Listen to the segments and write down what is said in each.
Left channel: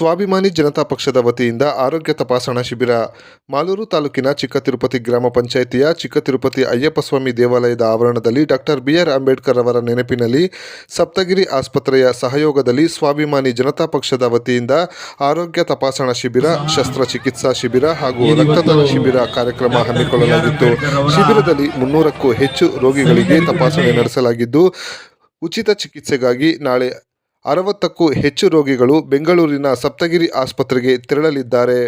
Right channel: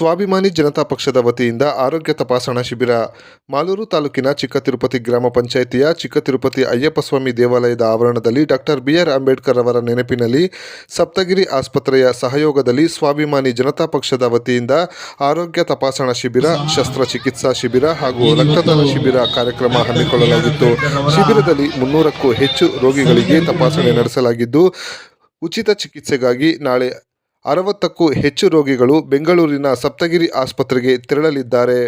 ಸ್ವಾಭಿಮಾನಿ ಜನತಾ ಪಕ್ಷದ ವತಿಯಿಂದ ಆರೋಗ್ಯ ತಪಾಸಣಾ ಶಿಬಿರ. ಮಾಲೂರು ತಾಲೂಕಿನ ಚಿಕ್ಕ ತಿರುಪತಿ ಗ್ರಾಮ ಪಂಚಾಯಿತಿಯ ಚಿಕ್ಕ ತಿರುಪತಿ ಅಯ್ಯಪ್ಪಸ್ವಾಮಿ ದೇವಾಲಯದ ಆವರಣದಲ್ಲಿ ಡಾಕ್ಟರ್ ಬಿಆರ್ ಅಂಬೇಡ್ಕರ್ ಅವರ ನೆನಪಿನಲ್ಲಿ ಸಪ್ತಗಿರಿ ಆಸ್ಪತ್ರೆಯ ಸಹಯೋಗದಲ್ಲಿ ಸ್ವಾಭಿಮಾನಿ ಜನತಾ ಪಕ್ಷದ ವತಿಯಿಂದ ಆರೋಗ್ಯ ತಪಾಸಣಾ ಶಿಬಿರ, ಶಸ್ತ್ರಚಿಕಿತ್ಸಾ ಶಿಬಿರ ಹಾಗೂ ರಕ್ತದಾನ ಶಿಬಿರ ಕಾರ್ಯಕ್ರಮ ಹಮ್ಮಿಕೊಳ್ಳಲಾಗಿತ್ತು. ಶಿಬಿರದಲ್ಲಿ ಮುನ್ನೂರಕ್ಕೂ ಹೆಚ್ಚು ರೋಗಿಗಳಿಗೆ ತಪಾಸಣೆ ನಡೆಸಲಾಗಿದ್ದು, ಉಚಿತ ಚಿಕಿತ್ಸೆಗಾಗಿ ನಾಳೆ ಅರವತ್ತಕ್ಕೂ ಹೆಚ್ಚು ರೋಗಿಗಳು ಬೆಂಗಳೂರಿನ ಸಪ್ತಗಿರಿ ಆಸ್ಪತ್ರೆಗೆ ತೆರಳಲಿದ್ದಾರೆ.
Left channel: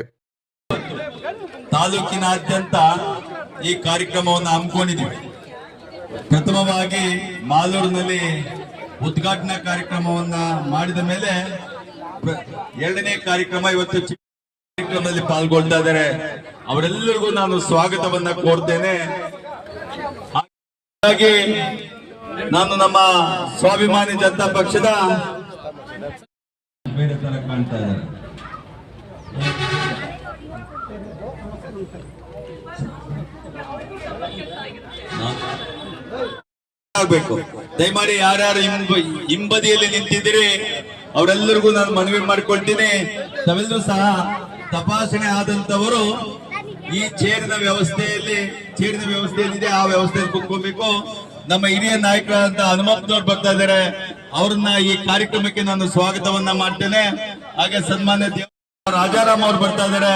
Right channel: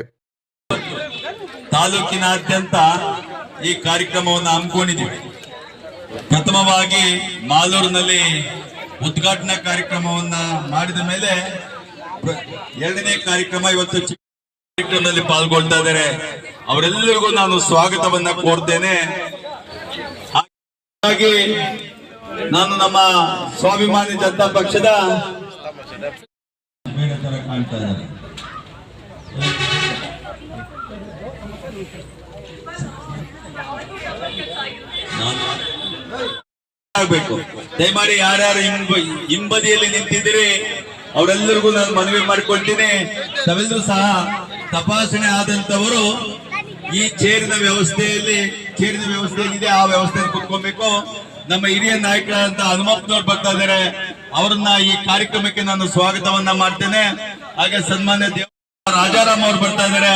ತಾಲೂಕಿನಾದ್ಯಂತ ಈ ಕಾರ್ಯಕ್ರಮವನ್ನು ಹಮ್ಮಿಕೊಂಡಿದ್ದೀವಿ. ಪ್ರಥಮವಾಗಿ ಮಾಲೂರಿನಲ್ಲಿ ಉದ್ಘಾಟನಾ ಕಾರ್ಯಕ್ರಮವನ್ನ ಮಾಡಿದ ಮೇಲೆ ಎರಡನೇ ಕಾರ್ಯಕ್ರಮ ಇವತ್ತು ಕಾರ್ಯಕ್ರಮದಲ್ಲಿ ಪಾಲ್ಗೊಳ್ತಾ ಇದ್ದಾರೆ. ಅವರೆಲ್ಲರಿಗೂ ನಾನು ಸ್ವಾಗತವನ್ನ ಕೋರ್ತೇನೆ. ಹಾಗಾಗಿ ನಾನು ನಮ್ಮ ಸ್ವಾಭಿಮಾನಿ ಜನತಾ ಪಕ್ಷದ ಆಗ್ಬೇಕು. ದಯಮಾಡಿ ಯಾರ್ಯಾರು ಹಿಂಬ, ಹಿಂಬದಿಯಲ್ಲಿ ನಿಂತಿದ್ರೆ ಅವರೆಲ್ಲರಿಗೂ ನಾನು ಮನವಿ ಮಾಡಿಕೊಳ್ತೀನಿ. ತಾವೆಲ್ಲರೂ ಸಹ ತಪಾಸಣೆ ಆದಂತವರು ಈ ಚೇರಿನ ವ್ಯವಸ್ಥೆಯಲ್ಲಿ, ಚೇರಿನ ವ್ಯವಸ್ಥೆ ಏನಿದೆ ಆ ವ್ಯವಸ್ಥೆಯಲ್ಲಿ ಕುತ್ಕೊಬೇಕು. ನಮ್ಮ ಹಿರಿಯ ನಾಯಕರಾದಂತ ಹನುಮಪ್ಪನವ್ರು ಬರ್ತಾ ಇದ್ದಾರೆ. ಅವ್ರನ್ನ ಈ ಕಾರ್ಯಕ್ರಮಕ್ಕೆ ನಾನು ಸ್ವಾಗತವನ್ನ ಮಾಡ್ತೇನೆ. ಹಾಗೆ ಸನ್ಮಾನ್ಯ ದೇವ ರಾಜಾರಾಮ್ ಅವ್ರು ಬರ್ತಾ ಇದ್ದಾರೆ.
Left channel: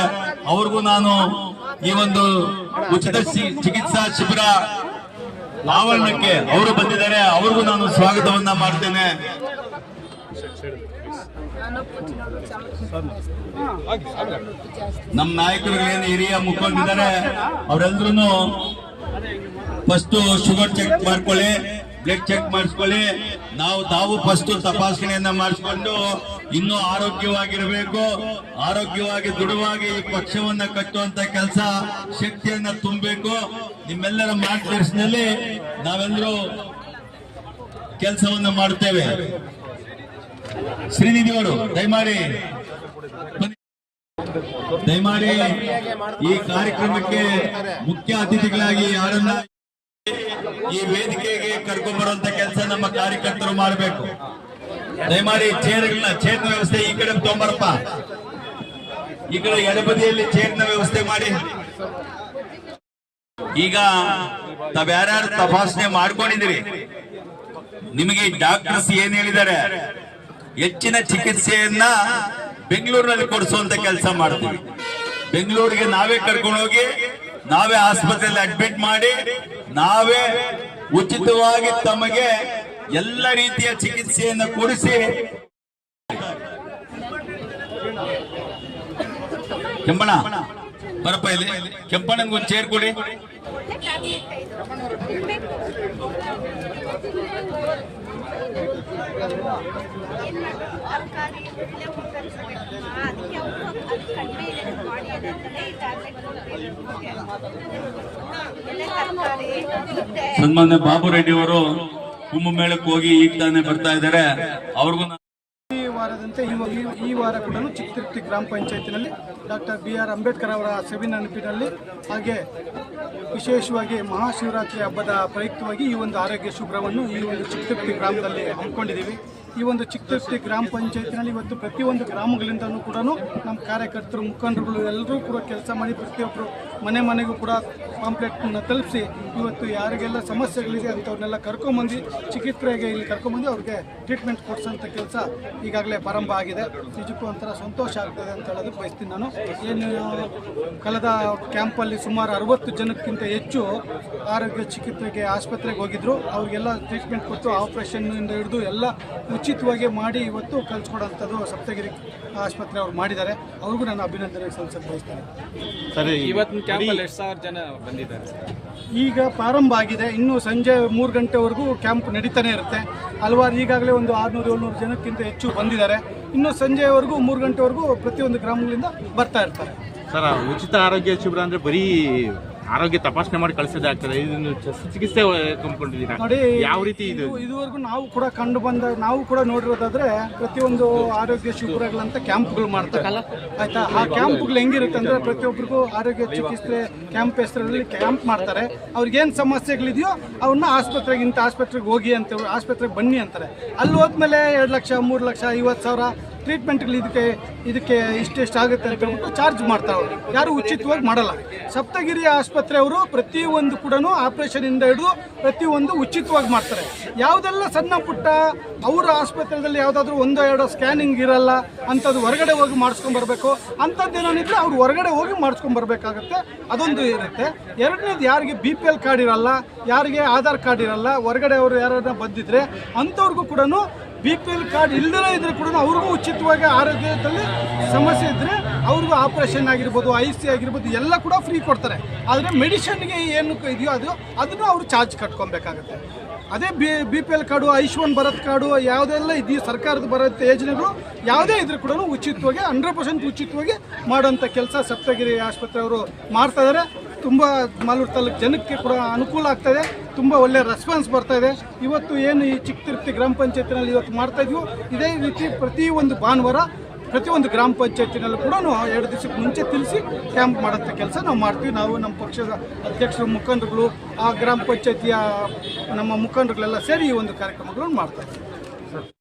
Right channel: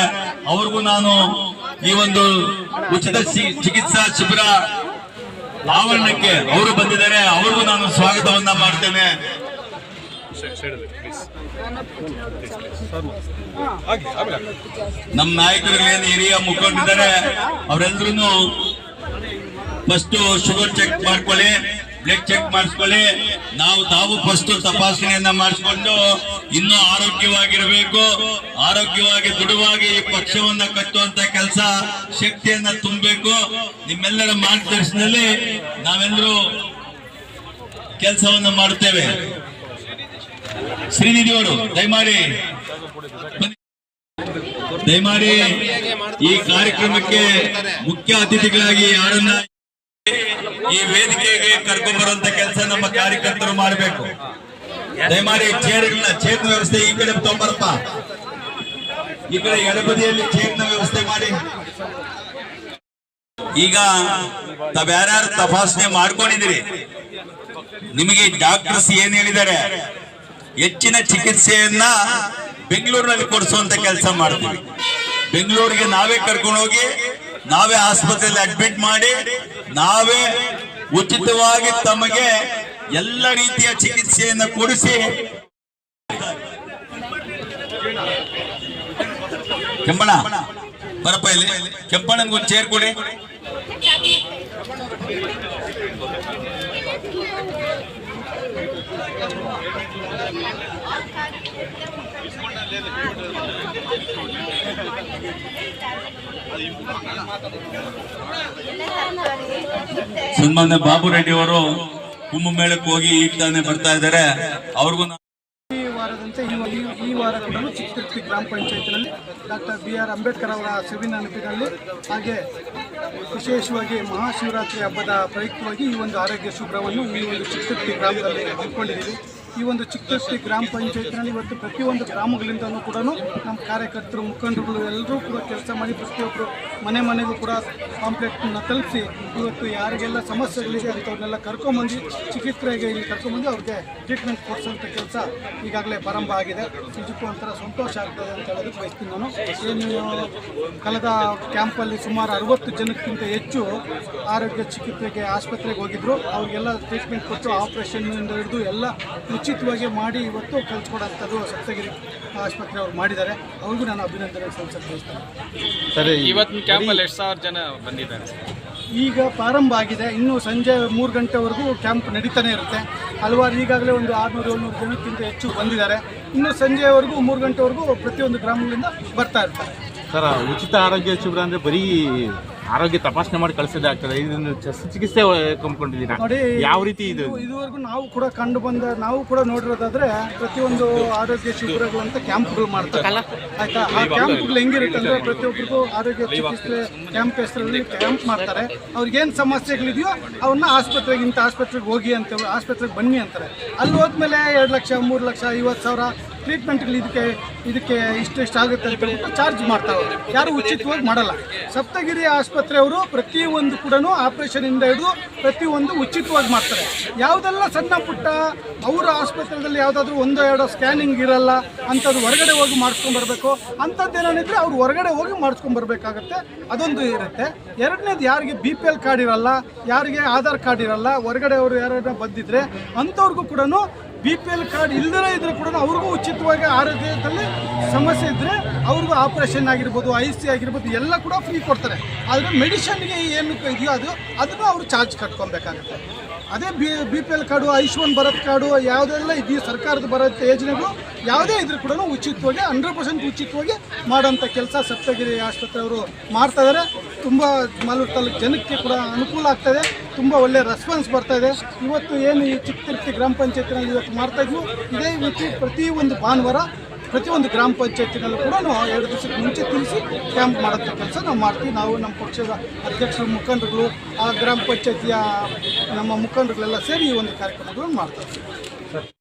ಅವ್ರಿಗೂ ನಾನು ಈ ಒಂದು ಉಚಿತ ಚಿಕಿತ್ಸಾ ಶಿಬಿರ ಆವರಣಕ್ಕೆ ಅವರು ಬಂದಿದ್ದಾರೆ. ಅವ್ರಿಗೂ ನಾನು ಸ್ವಾಗತವನ್ನ ಮಾಡ್ತೇನೆ. ನಮ್ಮ ನಾಯಕರು ಏನು ಹಿರಿಯ ಮುಖಂಡಿದ್ದಾರೆ ಅವರೆಲ್ಲರೂ ಫಸ್ಟ್ ಶುಗರ್ ಚೆಕ್ ಮಾಡ್ಕೊಳ್ಳಿ ಬ್ಲಡ್ ಚೆಕ್ ಮಾಡಿಸ್ಕೊಳ್ಳಿ ನಾವು ತಾವು ಫಸ್ಟ್ ತಪಾಸಣೆಯನ್ನ ಮಾಡಿಸ್ಕೊಂಡು ಇನ್ನೂ ಆರೋಗ್ಯವಾಗಿರಬೇಕು. ಆರೋಗ್ಯವಾಗಿ, ದೃಢವಾಗಿ ಈ ಪಕ್ಷವನ್ನ ಕಟ್ಟುವಂತ ಕೆಲಸ, ಶಕ್ತಿಯನ್ನ ತುಂಬಬೇಕು. ನಿಮ್ಮೆಲ್ಲರ ಮಾರ್ಗದರ್ಶನದಲ್ಲಿ ನಾವೆಲ್ಲರೂ ಕೆಲಸವನ್ನ ಮಾಡುತ್ತೇವೆ. ಶ್ರೀನಿಧಿ ಅವರು, ದಯಮಾಡಿ. ದಯಮಾಡಿ ಈ ಕಾರ್ಯಕ್ರಮಕ್ಕೆ ಮುಖ್ಯ ಅತಿಥಿಗಳಾಗಿ ಯಾರನ್ನ ಈ ವೇದಿಕೆಗೆ ಕರೆದು ಬರುವಂತ ಕೆಲಸ ನಮ್ಮ ಕಾರ್ಯಕರ್ತರು ಮಾಡಬೇಕು. ಚೇರ್ಗಳನ್ನ ಚೇರ್ನ ವ್ಯವಸ್ಥೆ ಈ ಕಡೆ ತೊಂಬರಪ್ಪ. ಈ ಕಡೆ ಎಡಬದಿಯಲ್ಲಿ ಚೇರ್ನ ವ್ಯವಸ್ಥೆ ಮಾಡಿ. ಈಗ ತಾವ್ಯಾರ್ಯಾರು ತಪಾಸಣೆ ಮಾಡ್ಕೊಂಡಿದ್ದೀರಿ. ನಿಮಗೆ ಡಾಕ್ಟರ್ಸ್ ಏನ್ ಹೇಳಿದ್ದಾರೆ? ಹೆಚ್ಚಿನ ಚಿಕಿತ್ಸೆಯನ್ನ ಬೆಂಗಳೂರಿನಲ್ಲಿ ಕೊಡಿಸುವಂತ ಕೆಲಸ ಮಾಡ್ತೀವಿ. ಬೆಂಗಳೂರಿಗೆ ನಾವೇ ಕರ್ಕೊಂಡು ಹೋಗಿ ನಾವೇ ಆಸ್ಪತ್ರೆಯಲ್ಲಿ ಅಡ್ಮಿಟ್ ಮಾಡಿ, ನಾವೇ ಉಚಿತವಾಗಿ ತಮಗೆ ಎಲ್ಲ ರೀತಿಯ ಚಿಕಿತ್ಸೆಯನ್ನು ಕೊಡಿಸಿ. ಕೆಂಪಣ ಬರಪ್ಪ ಇಲ್ಲಿ. ಕೆಂಪಣ್ಣನ್ಗೊಂದು ಚೇರ್ ಕೊಡಿ. ಸನ್ಮಾನ್ಯ ಬಾಬು ರೆಡ್ಡಿ ಅವರು ಕುಂಭಮೇಳಕ್ಕೆ ಹೋಗಿ ಈಗ ತಾನೇ ಬರ್ತಾ ಇದ್ದಾರೆ. ಅವ್ರಿಗೂ ವಾರದಂತೆ ಈ ಈ- ವಾರ ಕೂಡ ಚಿಕ್ಕತಿರ್ತಿ ಗ್ರಾಮ ಪಂಚಾಯತಿನಲ್ಲಿ ಡಾಕ್ಟರ್ ಬಿ ಆರ್ ಅಂಬೇಡ್ಕರ್ ಅವರ ಸವಿ ನೆನಪಿನಲ್ಲಿ ಹಾಗೆ ವಿಶೇಷವಾಗಿ ಮಹಾಶಿವರಾತ್ರಿ ಹಬ್ಬದ ಪ್ರಯುಕ್ತವಾಗಿ ಈ ಒಂದು ಆರೋಗ್ಯ ಶುಭ್ರವನ್ನು ಈ ಒಂದು ಚಿಕ್ಕತಿರ್ತಿ ಗ್ರಾಮದಲ್ಲಿ ಹಮ್ಮಿಕೊಂಡಿದ್ದೀವಿ. ಈ ಒಂದು ಚಿಕ್ಕ ಗ್ರಾಮ ಪಂಚಾಯತ್ನಲ್ಲಿ ಇವತ್ತು ಪ್ರತಿಯೊಂದು ಗ್ರಾಮಗಳಿಂದಲೂ ಕೂಡ ನಮ್ಮ ಕಾರ್ಯಕರ್ತರು, ಮುಖಂಡರುಗಳು ಎಲ್ಲರೂ ಕೂಡ ಕೆಲಸ ಮಾಡಿ ಪ್ರತಿಯೊಬ್ಬರು ಮನೆ ಮನೆಗೂ ಕೂಡ ಕಾಂಪ್ಲೆಕ್ಟ್ನ ತಲುಪಿಸಿ ಇವತ್ತು ಯಾರಿಗೆಲ್ಲ ಸಮಸ್ಯೆಗಳಿದೆ ಅಂಥವ್ರನ್ನೆಲ್ಲ ಕರ್ಕೊಂಬಂದು ಚಿಕಿತ್ಸೆಗೆ ಇಲ್ಲಿ ಕರ್ಕೊಂಬಂದು ಅವ್ರಿಗೆ ಟ್ರೀಟ್ಮೆಂಟ್ ಕೊಡಿಸೋಂಥ ಕೆಲಸ ಈಗಾಗಲೇ ಪ್ರಾರಂಭ ಆಗಿದೆ. ನಿಜಕ್ಕೂ ಒಂಥರ ಸಂತೋಷ ಆಗ್ತದೆ ಅಂತ ಹೇಳೋದಕ್ಕೆ ಬಯಸ್ತೀನಿ ನಾನು. ಏನು, ಕಳೆದ ಕ್ಯಾಂಪಲ್ಲಿ ಸುಮಾರು ಅರವತ್ತು ಜನಕ್ಕಿಂತ ಹೆಚ್ಚು ಆರೋಗ್ಯ ಚಿಕಿತ್ಸೆಗೆ ಆಸ್ಪತ್ರೆಗೆ ಹೋಗಿದ್ರು. ಅವರಿಗೆಲ್ಲ ಟ್ರೀಟ್ಮೆಂಟ್ ಕೊಟ್ಟು ಆಪ್ರೇಷನ್ನಿಂದ ಹಿಡಿದು ಎಲ್ಲ ಉಚಿತವಾಗಿ ಮಾಡಿ ಇವತ್ತು ಕಲ್ಸ್ಕೊಡೋಂಥದ್ದು ಸಪ್ತಗಿರಿ ಆಸ್ಪತ್ರೆ ಅವ್ರು ಮಾಡಿದ್ದಾರೆ. ಅವ್ರಿಗೂ ನಾನು ಅಭಿನಂದನೆ ಸಲ್ಲಿಸಲು ಬಯಸ್ತೇನೆ. ಇವತ್ತಿನ ಕ್ಯಾಂಪಲ್ಲಿ ಎಷ್ಟು ಸಾವಿರ ಜನ ಬಂದಿದ್ದಾರೆ? ಈಗ ಪ್ರಾರಂಭ ಆಗಿದೆ. ಇನ್ನು ಸಂಜೆ ಮೂರು ಗಂಟೆವರೆಗೂ ಕ್ಯಾಂಪ್ ನಡೀತಾನೆ ಇರುತ್ತೆ. ಹಲವಾರು ಈಗಾಗಲೇ ಒಂದು ಆರುನೂರು ಏಳ್ನೂರು ಜನಕ್ಕಿಂತ ಹೆಚ್ಚು ಬಂದಿದ್ದಾರೆ. ಇನ್ನು ಸಂಜೆವರೆಗೂ ಮೂರು ಗಂಟೆವರೆಗೂ ಪ್ರತಿಯೊಂದು ಗ್ರಾಮಗಳಿಂದ ಬರ್ತಾ ಇರ್ತಾರೆ. ಸರ್ ಉಚಿತ ಆರೋಗ್ಯ ಶಿಬಿರ ಅಂದರೆ ಬರೀ ಆರೋಗ್ಯ ತಪಾಸಣೆ ಮಾಡಿ ಕಳಿಸೋದೇ ಆಗ್ತದೆ. ಇದನ್ನು ಚಿಕಿತ್ಸೆ ಕಂಪ್ಕೊಂಡಿದ್ದೀರಾ ನೋಡಿ ಯಾವ ರೀತಿ ಇದು? ಇದು- ಇದುವರೆಗೂ ನಾವು ಕೂಡ ಕಂಡು ಬಂದ ನಾವು ಕೂಡ ನೋಡಿರೋದಾದ್ರೆ ಪ್ರತಿಯೊಂದು ಆರೋಗ್ಯ ಶಿಬಿರಗಳಂತ ಕ್ಯಾಂಪ್ಗಳು ಮಾಡ್ತಾರೆ. ಆಯ್ತಾ? ಆ ಕ್ಯಾಂಪ್ಗಳು ಹೆಂಗಿರುತ್ತೆ ಅಂದ್ರೆ ಪ್ರತಿಯೊಬ್ಬರಿಗೂ ಆರೋಗ್ಯ ಚಿಕಿತ್ಸೆ ಕ್ಯಾಂಪ್ ಹೆಸರಲ್ಲಿ ಕ್ಯಾಂಪ್ ಮಾಡ್ತಾರೆ. ಅವ್ರಿಗೇನು ಸಮಸ್ಯೆಗಳಿದೆಯೋ ಅವನ್ನ ಆಸ್ಪತ್ರೆಗೆ ಇಂಥ ಆಸ್ಪತ್ರೆಗೆ ಹೋಗಿ ಅಂತ ಆಸ್ಪತ್ರೆಗೆ ಬನ್ನಿ ಅಂತಾರೆ. ಅಲ್ಲಿ ಹೋದ್ಮೇಲೆ ಎರಡು ಲಕ್ಷ ಮೂರು ಲಕ್ಷ ಐವತ್ತು ಸಾವಿರ ಟ್ರೀಟ್ಮೆಂಟ್ಗಳು ಇದಕ್ಕೆ ಇದಕ್ಕೆ ಇಷ್ಟೆಷ್ಟು ಆಗುತ್ತೆ ಅಂತ ಹೇಳ್ಬಿಟ್ಟು ಚಾರ್ಜ್ ಮಾಡ್ತಾವೆ ಯಾರು ಉಚಿತವಾಗಿ ಮಾಡಲ್ಲ. ಸಪ್ತಗಿರಿ ಆಸ್ಪತ್ರೆಯವರು ಪ್ರತಿಯೊಂದು ಕೂಡ ಆಪರೇಷನಿಂದ ಹಿಡಿದು ಪ್ರತಿಯೊಂದು ಉಚಿತವಾಗಿ ಮಾಡ್ತಾರೆ. ಯಾವುದೆಲ್ಲ ಸಣ್ಣ ಪುಟ್ಟ ಅವರ ಆಸ್ಪತ್ರೆಯಲ್ಲಿ ಯಾವುದಾದ್ರೂ ಒಂದು ಎರಡು ಸ್ಕ್ಯಾನಿಂಗ್ ಇರಲ್ಲ ಅಂಥದ್ದು ಹೊರಗಡೆ ಹೋಗಿ ಮಾಡಿಸ್ಕೊಂಬರ್ಬೇಕು ಅಂಥದ್ದು ಏನಾನಿದ್ರೆ ಅವ್ರು ಹೊರಗಡೆ ಹೋಗಿ ಮಾಡಿಸ್ಕೊಂಬರ್ಬೇಕಾಗತ್ತೆ ಅದೊಂದು ಇರುತ್ತೆ. ಎರಡನೇದು ಯಾರಿಗೆ ಬಿ ಪಿ ಎಲ್ ಕಾರ್ಡ್ ಇರಲ್ಲ, ಯಾರಿಗೆ ಆಧಾರ್ ಕಾರ್ಡ್ ಇರಲ್ಲ, ಹೊರಗಡೆ ಅವರು ಯಾರನ್ನ ಬಂದಿದ್ರೆ ಅಂಥವ್ರಿಗೂ ಕೂಡ ಬಿ ಪಿ ಎಲ್ ಕಾರ್ಡ್ ಇಲ್ಲದೇ ಇದ್ರೆ ಕೂಡ ಅವ್ರಿಗೂ ಉಚಿತವಾಗಿ ಆರೋಗ್ಯದಲ್ಲಿ ಸಮಸ್ಯೆ ಇದ್ದರೆ ಅವ್ರಿಗೂ ಆಪರೇಷನ್ ಆಗಿರ್ಬೋದು ಐ ಸಿ ಆಗಿರ್ಬೋದು, ಎಲ್ಲ ಕೂಡ ಫ್ರೀ ಕೊಡ್ತಾರೆ. ಆದರೆ ಮೆಡಿಷನ್ಗೆ ಏನು ಇದೆಯೋ ಅದು, ಅದನ್ನು ಅವರು ಚಾರ್ಜ್ ಕಟ್ಕೊಬೇಕಾಗುತ್ತೆ ಅದೇ B B P L card Ayushman Bharat card ಯಾವುದೆಲ್ಲ ಇದೆಯೋ ಸರ್ಕಾರದ ಬರುತ್ತೆ ಯೋಜನೆಗಳು, ಯಾವುದೇ ಇದ್ರೂ ಕೂಡ ಉಚಿತವಾಗಿ ಹಂಡ್ರೆಡ್ ಪರ್ಸೆಂಟ್ ಉಚಿತವಾಗಿ ಮಾಡೋಂಥ ಕೆಲಸ ಸಪ್ತಗಿರಿ ಆಸ್ಪತ್ರೆಯವರು ಮಾಡ್ತಾ ಇದ್ದಾರೆ. ತುಂಬ ಮಾಲೂರು ತಾಲೂಕು ಜನಕ್ಕೆ ಕೂಡ ಅನುಕೂಲ ಆಗ್ತಾಯಿದೆ ತುಂಬ ಒಳ್ಳೆಯ ರೆಸ್ಪಾನ್ಸ್ ಬರ್ತಾ ಇವತ್ತು ಏನು ಈ ಚಿಕ್ಕ ತಿರುಪತಿ ಗ್ರಾಮ ಪಂಚಾಯತ್ನಲ್ಲಿ ಇವತ್ತು ಮಾಡ್ತಾಯಿದ್ವು ಇದೇ ರೀತಿ ಪ್ರತಿಯೊಂದು ಭಾನುವಾರ ಪ್ರತಿಯೊಂದು ಗ್ರಾಮ ಪಂಚಾಯತಿನಲ್ಲೂ ಕೂಡ ಎರಡು ದಿವಸಕ್ಕೆ ಮುಂಚೆ ತಿಳಿಸಿ ಕ್ಯಾಂಪ್ ಮಾಡೋಂಥ ಕೆಲಸ ನಾವು ಮಾಡ್ತೀವಿ. ನಾವು ನಮ್ಮ ಪಕ್ಷದ ಅಧ್ಯಕ್ಷರು, ಮುಖಂಡರುಗಳು, ಆ ಗ್ರಾಮ ಪಂಚಾಯತಿಯ ನಮ್ಮ ಮುಖಂಡರುಗಳೆಲ್ಲ ಸೇರಿ ಈ ಒಂದು ಕಾರ್ಯಕ್ರಮಗಳನ್ನು ಮಾಡ್ತಾ ಇದ್ದೀವಿ.